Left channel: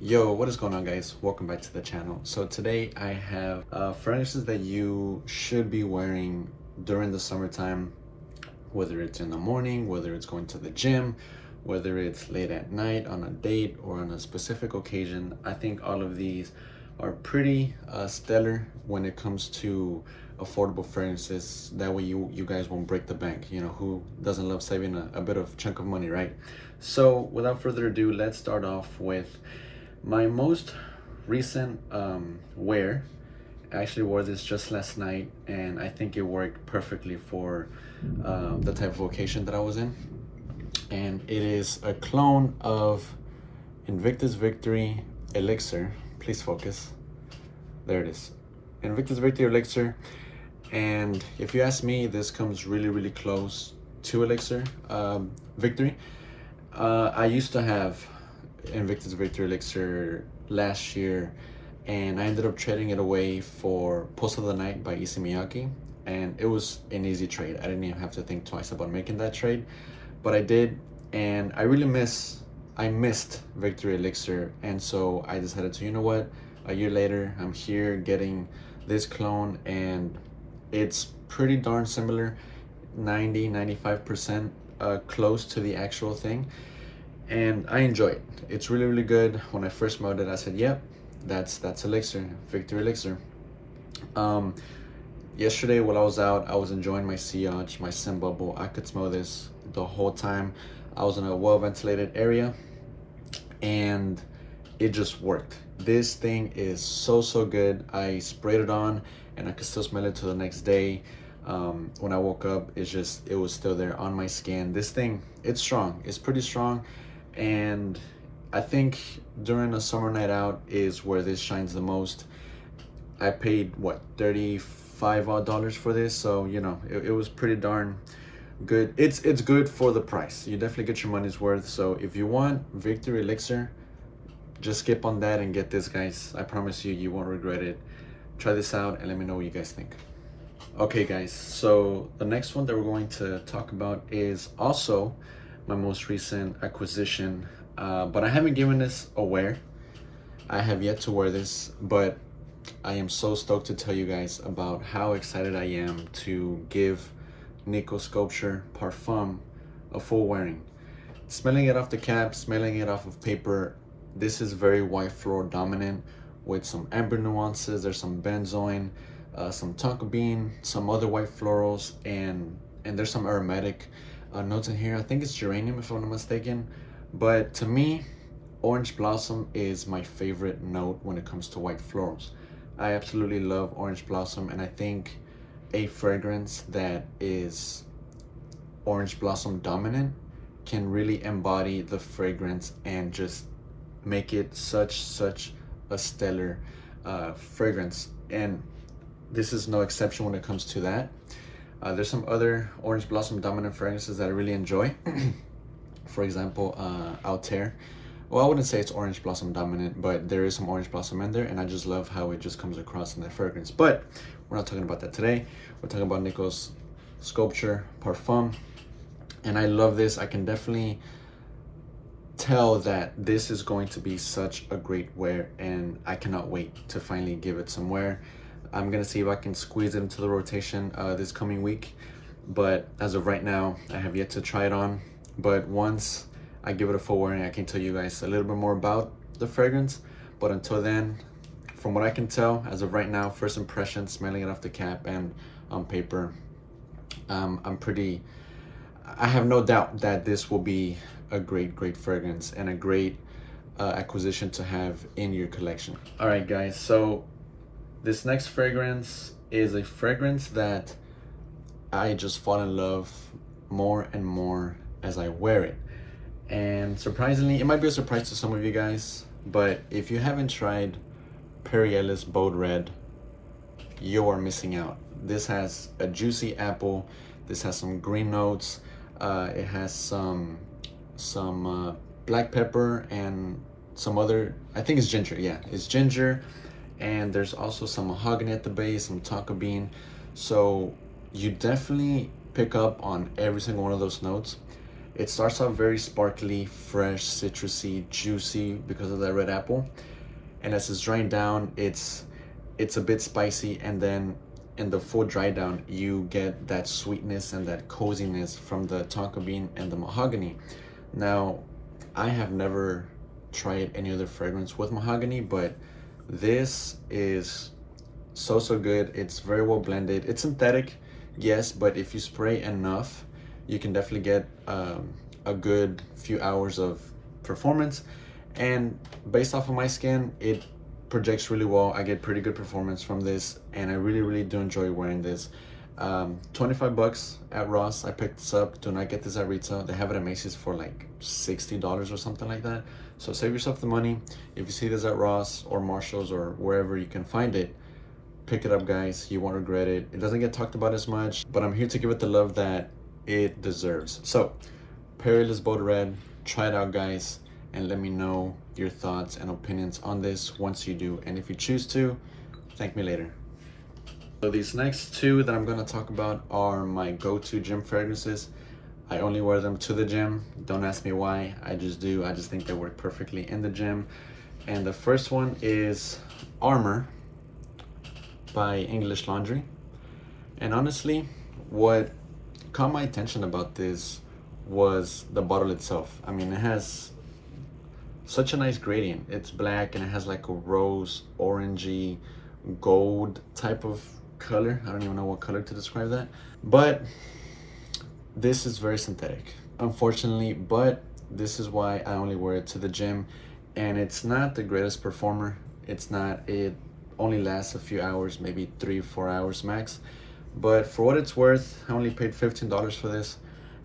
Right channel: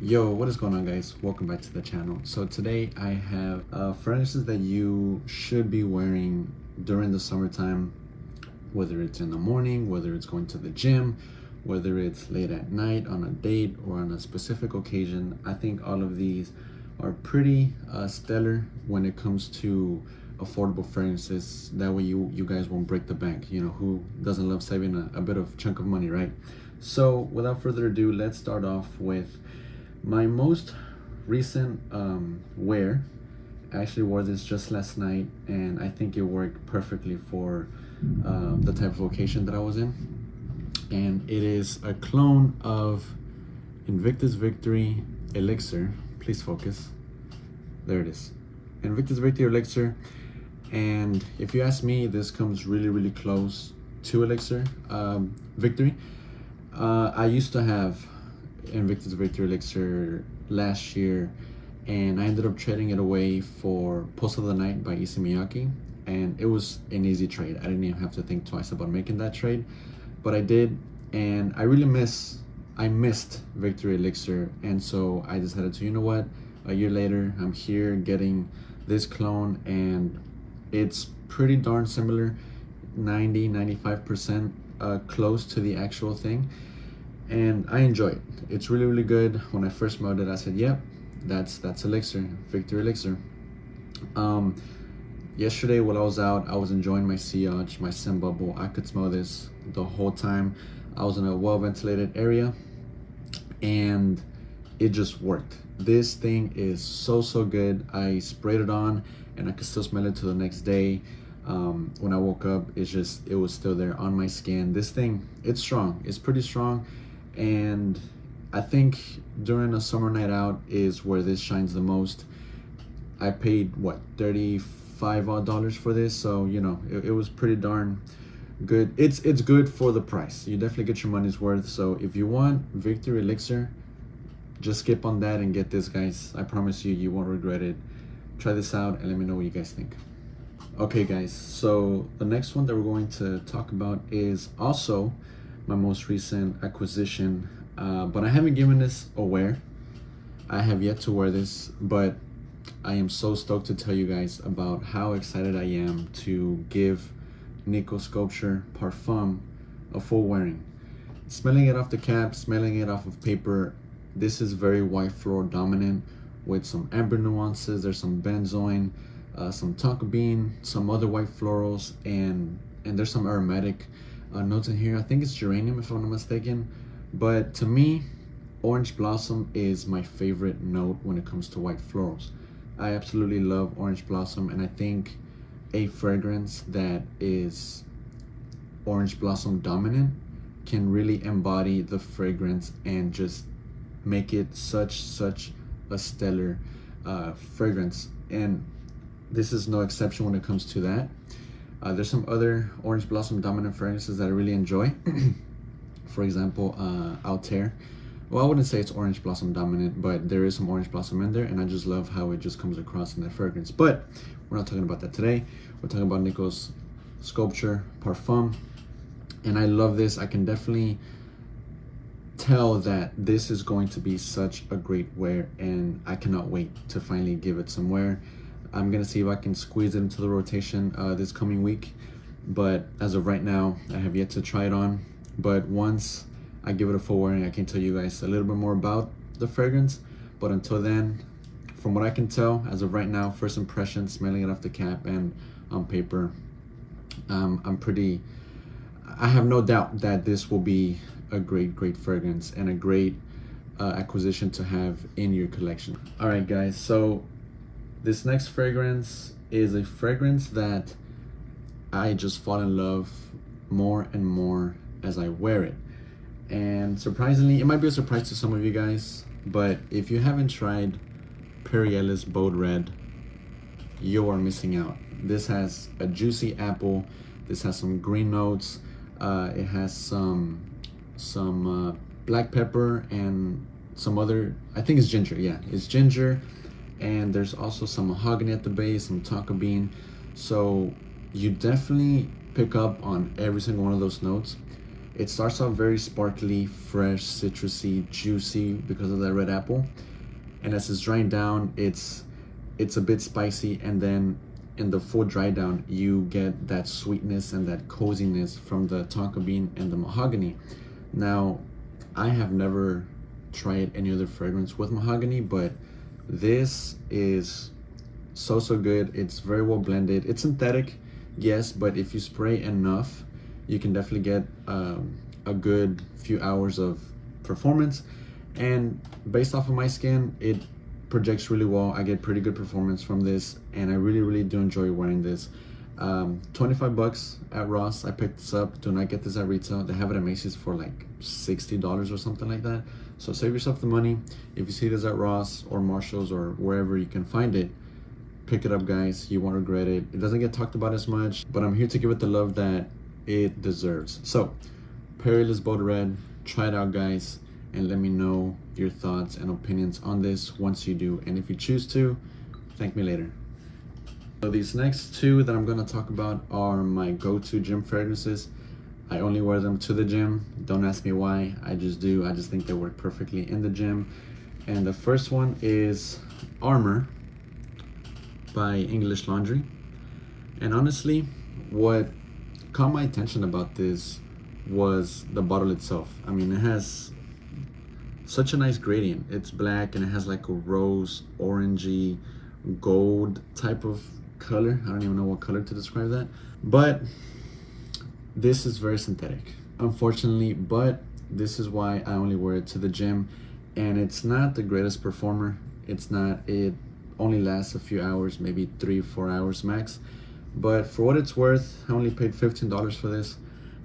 Yo, what is going on, guys? Welcome back to the channel. So today I have fragrances that you should be wearing during the summertime, whether it's in the morning, whether it's going to the gym, whether it's late at night on a date or on a specific occasion. I think all of these are pretty stellar when it comes to affordable fragrances. That way you guys won't break the bank. You know, who doesn't love saving a bit of chunk of money, right? So without further ado, let's start off with my most recent wear. I actually wore this just last night and I think it worked perfectly for the type of occasion that I was in. And it is a clone of Invictus Victory Elixir. Please focus. There it is. Invictus Victory Elixir. And if you ask me, this comes really close to Elixir Victory. I used to have Invictus Victory Elixir last year, and I ended up trading it away for Post of the Night by Issey Miyake, and it was an easy trade. I didn't even have to think twice about making that trade, but I did, and I missed Victory Elixir, and so I decided to, you know what, a year later I'm here getting this clone, and it's pretty darn similar, 90-95% close to the actual thing. And I enjoy it. It's really good. When I first smelled it, I said, yep, that's Elixir, Victory Elixir. Yesterday while I was out, I was enjoying my sillage, my scent bubble. I could smell this the whole time. I was in a well-ventilated area and it just worked. This thing is so good. I sprayed it on and I could still smell it till the next day. When I woke up, it was still there on my skin. This thing, it's strong. It's pretty strong. And I think during a summer night out is where this shines the most. I paid what, $35 for this, so you know it was pretty darn good. It's good for the price. You definitely get your money's worth. So if you want Victory Elixir, just skip on that and get this, guys. I promise you won't regret it. Try this out and let me know what you guys think. Okay guys, so the next one that we're going to talk about is also my most recent acquisition, but I haven't given this a wear. I have yet to wear this, but I am so stoked to tell you guys about how excited I am to give Nikkos Sculpture Parfum a full wearing. Smelling it off the cap, smelling it off of paper, this is very white floral dominant with some amber nuances. There's some benzoin, some tonka bean, some other white florals, and there's some aromatic notes in here. I think it's geranium if I'm not mistaken, but to me orange blossom is my favorite note when it comes to white florals. I absolutely love orange blossom, and I think a fragrance that is orange blossom dominant can really embody the fragrance and just make it such a stellar fragrance, and this is no exception when it comes to that. There's some other orange blossom dominant fragrances that I really enjoy. For example, Altair. Well, I wouldn't say it's orange blossom dominant, but there is some orange blossom in there, and I just love how it just comes across in that fragrance. But we're not talking about that today. We're talking about Nikkos Sculpture Parfum, and I love this. I can definitely tell that this is going to be such a great wear, and I cannot wait to finally give it some wear. I'm gonna see if I can squeeze it into the rotation this coming week, but as of right now, I have yet to try it on. But once I give it a full wearing, I can tell you guys a little bit more about the fragrance. But until then, from what I can tell, as of right now, first impression, smelling it off the cap and on paper, I have no doubt that this will be a great fragrance and a great acquisition to have in your collection. All right, guys, so this next fragrance is a fragrance that I just fall in love more and more as I wear it. And surprisingly, it might be a surprise to some of you guys, but if you haven't tried Perry Ellis Bold Red, you are missing out. This has a juicy apple. This has some green notes. It has some black pepper and some other, I think it's ginger. Yeah, it's ginger. And there's also some mahogany at the base, some tonka bean. So you definitely pick up on every single one of those notes. It starts off very sparkly, fresh, citrusy, juicy because of that red apple. And as it's drying down, it's a bit spicy, and then in the full dry down, you get that sweetness and that coziness from the tonka bean and the mahogany. Now, I have never tried any other fragrance with mahogany, but this is so good. It's very well blended. It's synthetic, yes, but if you spray enough, you can definitely get a good few hours of performance. And based off of my skin, it projects really well. I get pretty good performance from this, and I really do enjoy wearing this. 25 bucks at Ross. I picked this up. Do not get this at retail. They have it at Macy's for like $60 or something like that. So save yourself the money. If you see this at Ross or Marshall's or wherever you can find it, pick it up, guys. You won't regret it. It doesn't get talked about as much, but I'm here to give it the love that it deserves. So Peerless Bold Red, try it out, guys, and let me know your thoughts and opinions on this once you do. And if you choose to, thank me later. So these next two that I'm going to talk about are my go-to gym fragrances. I only wear them to the gym. Don't ask me why. I just do. I just think they work perfectly in the gym. And the first one is Armour by English Laundry. And honestly, what caught my attention about this was the bottle itself. I mean, it has such a nice gradient. It's black and it has like a rose, orangey, gold type of color. I don't even know what color to describe that. But this is very synthetic, unfortunately, but this is why I only wear it to the gym. And it's not the greatest performer. It's not. It only lasts a few hours, maybe 3-4 hours max. But for what it's worth, I only paid $15 for this,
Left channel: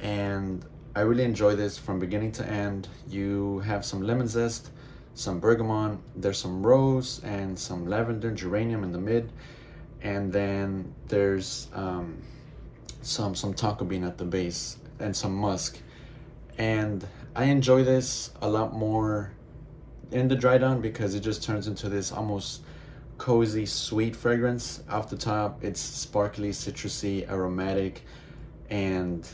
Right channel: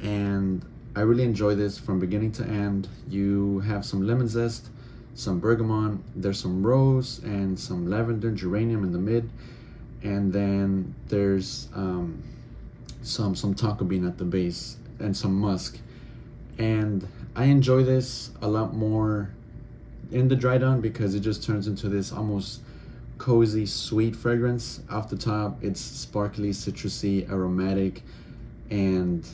and I really enjoy this from beginning to end. You have some lemon zest, some bergamot, there's some rose and some lavender, geranium in the mid, and then there's some tonka bean at the base and some musk. And I enjoy this a lot more in the dry down because it just turns into this almost cozy, sweet fragrance off the top. It's sparkly, citrusy, aromatic, and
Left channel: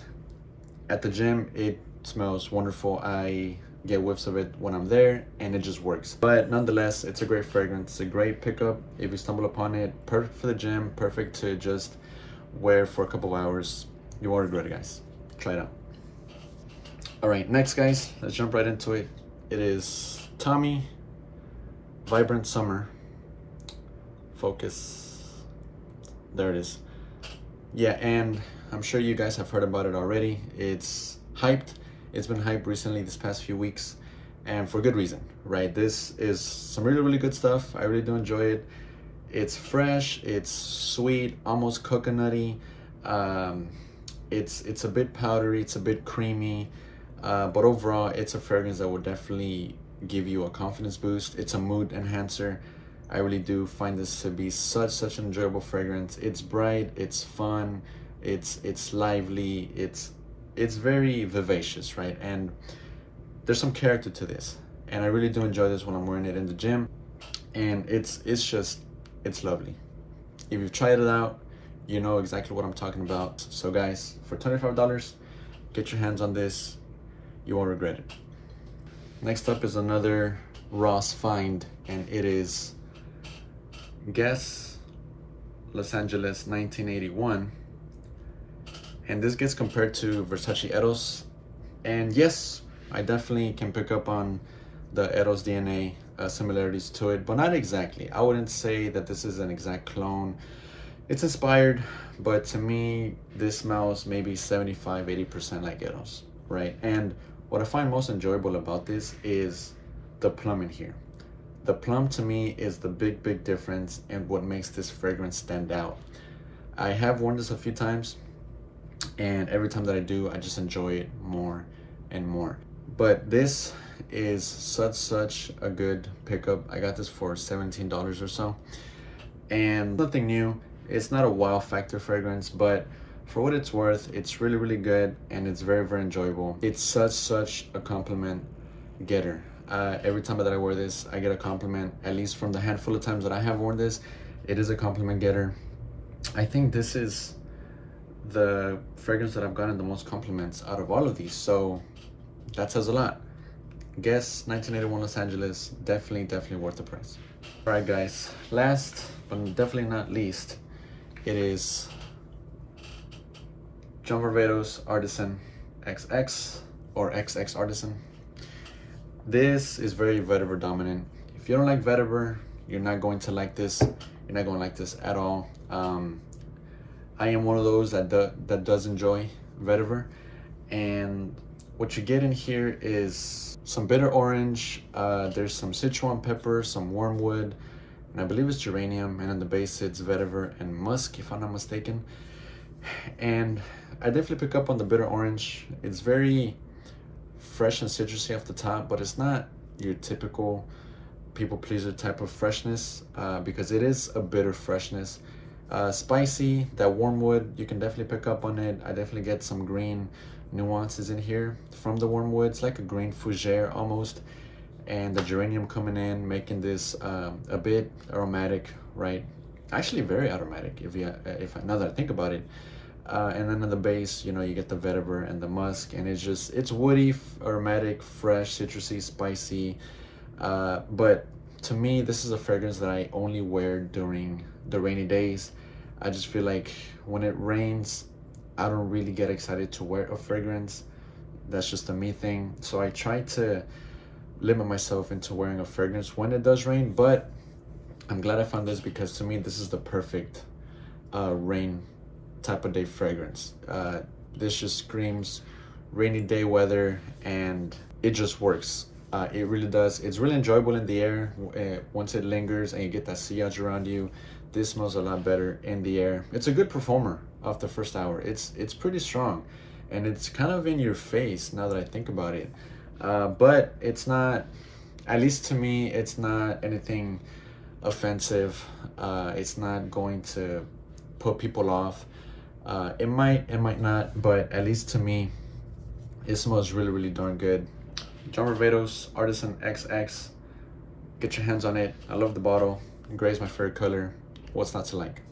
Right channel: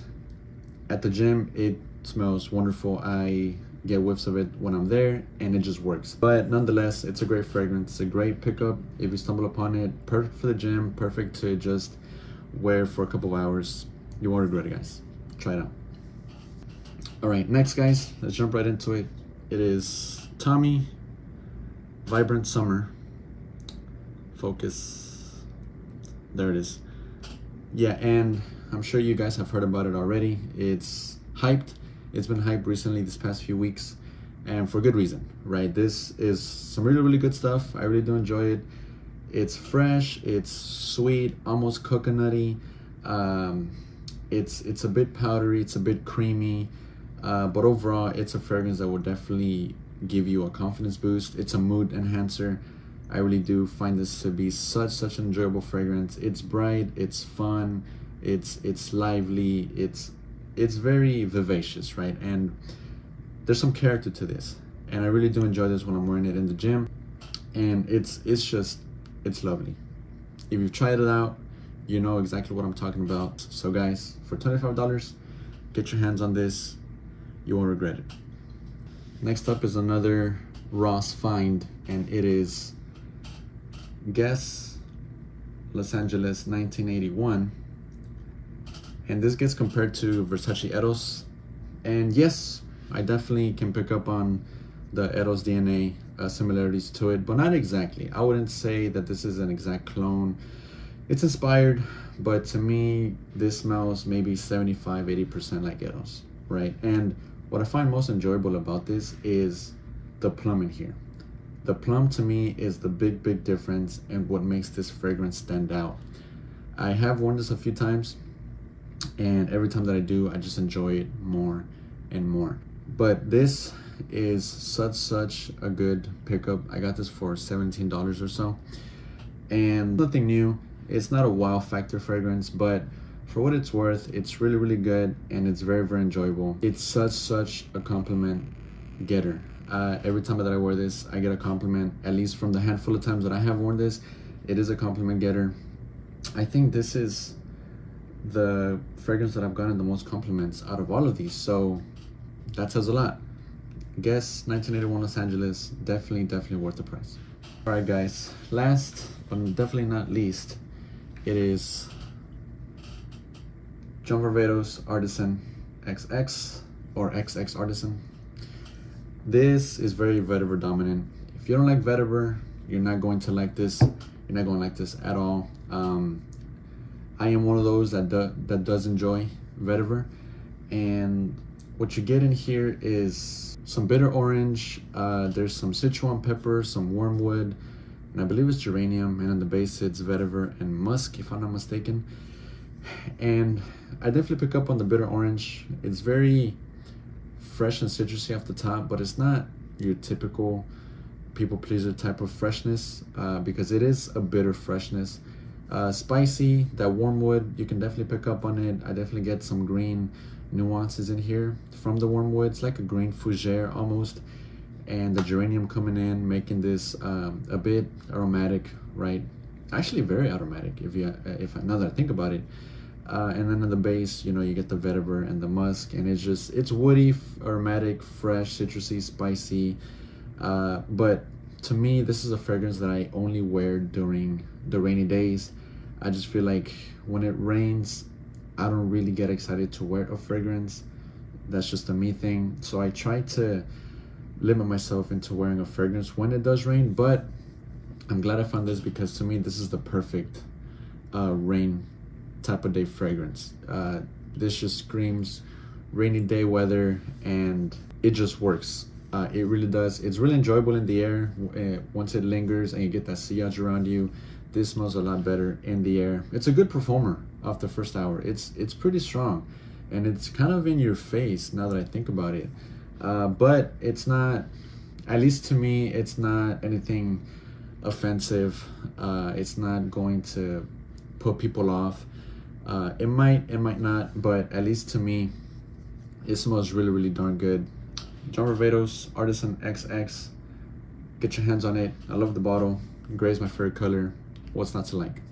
at the gym it smells wonderful. I get whiffs of it when I'm there, and it just works. But nonetheless, it's a great fragrance. It's a great pickup if you stumble upon it. Perfect for the gym, perfect to just wear for a couple of hours. You won't regret it, guys. Try it out. All right, next, guys, let's jump right into it. It is Tommy Vibrant Summer. Focus. There it is. Yeah, and I'm sure you guys have heard about it already. It's hyped. It's been hyped recently this past few weeks, and for good reason, right? This is some really good stuff. I really do enjoy it. It's fresh, it's sweet, almost coconutty. It's a bit powdery, it's a bit creamy, but overall it's a fragrance that will definitely give you a confidence boost. It's a mood enhancer. I really do find this to be such an enjoyable fragrance. It's bright, it's fun, it's lively, it's very vivacious, right? And there's some character to this, and I really do enjoy this when I'm wearing it in the gym. And it's lovely. If you've tried it out, you know exactly what I'm talking about. So guys, for $25, get your hands on this. You won't regret it. Next up is another Ross find, and it is Guess Los Angeles 1981. And this gets compared to Versace Eros. And yes, I definitely can pick up on the Eros DNA similarities to it, but not exactly. I wouldn't say that this is an exact clone. It's inspired, but to me, this smells maybe 75-80% like Eros, right? And what I find most enjoyable about this is the plum in here. The plum to me is the big difference and what makes this fragrance stand out. I have worn this a few times, and every time that I do, I just enjoy it more and more. But this is such a good pickup. I got this for $17 or so, and nothing new. It's not a wow factor fragrance, but for what it's worth, it's really good, and it's very enjoyable. It's such a compliment getter. Every time that I wear this, I get a compliment. At least from the handful of times that I have worn this, it is a compliment getter. I think this is the fragrance that I've gotten the most compliments out of all of these, so that says a lot. Guess 1981 Los Angeles, definitely worth the price. All right guys, last but definitely not least, it is Varvatos Artisan XX or XX Artisan. This is very vetiver dominant. If you don't like vetiver, you're not going to like this. You're not going to like this at all. I am one of those that does enjoy vetiver, and what you get in here is some bitter orange, there's some Sichuan pepper, some wormwood, and I believe it's geranium, and in the base it's vetiver and musk, if I'm not mistaken. And I definitely pick up on the bitter orange. It's very fresh and citrusy off the top, but it's not your typical people pleaser type of freshness, because it is a bitter freshness. Spicy, that wormwood, you can definitely pick up on it. I definitely get some green nuances in here from the wormwood. It's like a green fougere almost, and the geranium coming in, making this a bit aromatic, right? Actually very aromatic if now that I think about it. And then in the base, you know, you get the vetiver and the musk, and it's woody, aromatic, fresh, citrusy, spicy. But to me, this is a fragrance that I only wear during the rainy days. I just feel like when it rains, I don't really get excited to wear a fragrance. That's just a me thing. So I try to limit myself into wearing a fragrance when it does rain, but I'm glad I found this, because to me, this is the perfect rain type of day fragrance. This just screams rainy day weather, and it just works. It really does. It's really enjoyable in the air. Once it lingers and you get that sillage around you, this smells a lot better in the air. It's a good performer off the first hour. It's pretty strong, and it's kind of in your face now that I think about it. But it's not, at least to me, it's not anything offensive. It's not going to put people off. It might not, but at least to me, it smells really darn good. Varvatos Artisan XX. Get your hands on it. I love the bottle. Gray is my favorite color. What's not to like?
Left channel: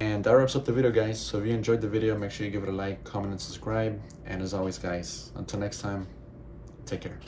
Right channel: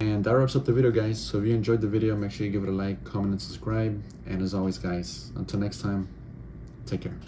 And that wraps up the video, guys. So if you enjoyed the video, make sure you give it a like, comment, and subscribe. And as always, guys, until next time, take care.